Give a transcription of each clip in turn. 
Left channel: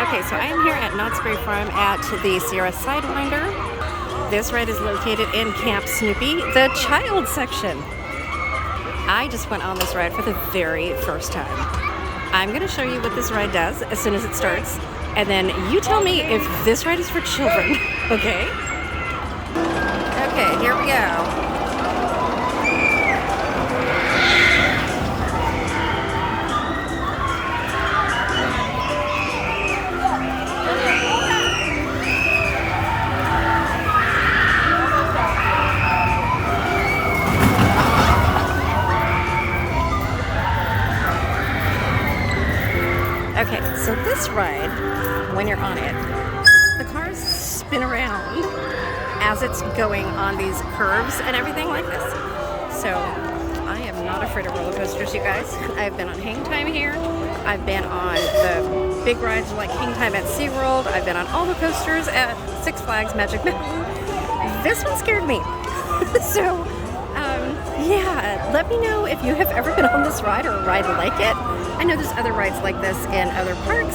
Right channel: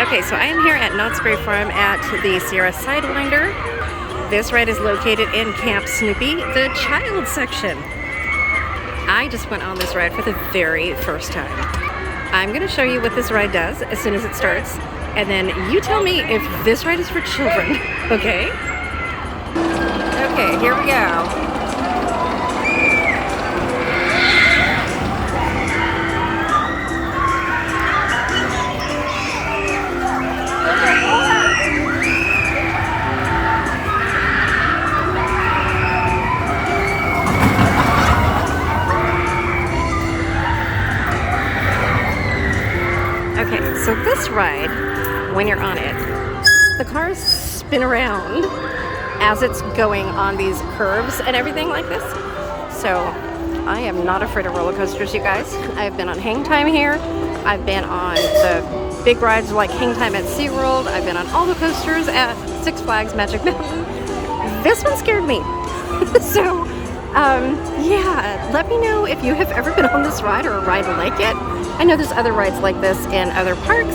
Okay, so I am here at Knott's Berry Farm at the Sierra Sidewinder. This ride is located in Camp Snoopy, the child section. I just went on this ride for the very first time. I'm going to show you what this ride does as soon as it starts, and then you tell me if this ride is for children, okay? Okay, here we go. Okay, so this ride, when you're on it, the cars spin around as it's going on these curves and everything like this. So I am not afraid of roller coasters, you guys. I've been on Hang Time here. I've been on the big rides like Hang Time at SeaWorld. I've been on all the coasters at Six Flags Magic Mountain. This one scared me. So yeah, let me know if you have ever been on this ride or a ride like it. I know there's other rides like this in other parks.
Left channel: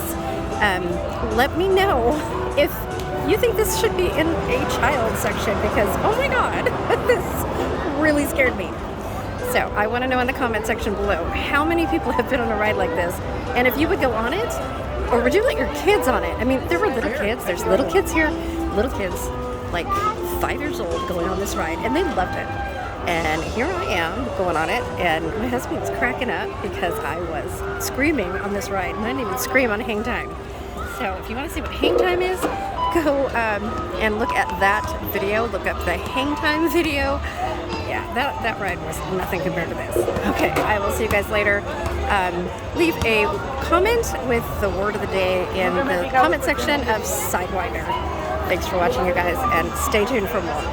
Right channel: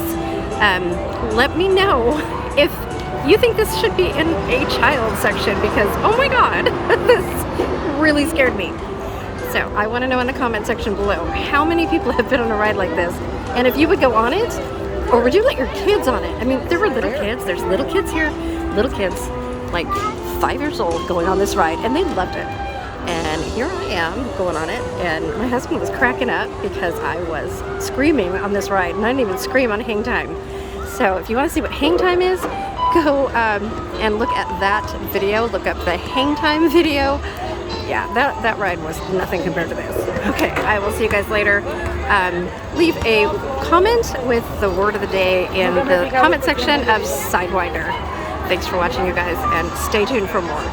Let me know if you think this should be in a child section, because oh my god, this really scared me. So I want to know in the comment section below how many people have been on a ride like this, and if you would go on it, or would you let your kids on it? I mean, there were little kids. There's little kids here, little kids like 5 years old going on this ride, and they loved it. And here I am going on it, and my husband was cracking up because I was screaming on this ride, and I didn't even scream on Hang Time. So if you want to see what Hang Time is, go and look at that video. Look up the Hang Time video. Yeah, that ride was nothing compared to this. Okay, I will see you guys later. Leave a comment with the word of the day in the comment section of Sidewinder. Thanks for watching, you guys, and stay tuned for more.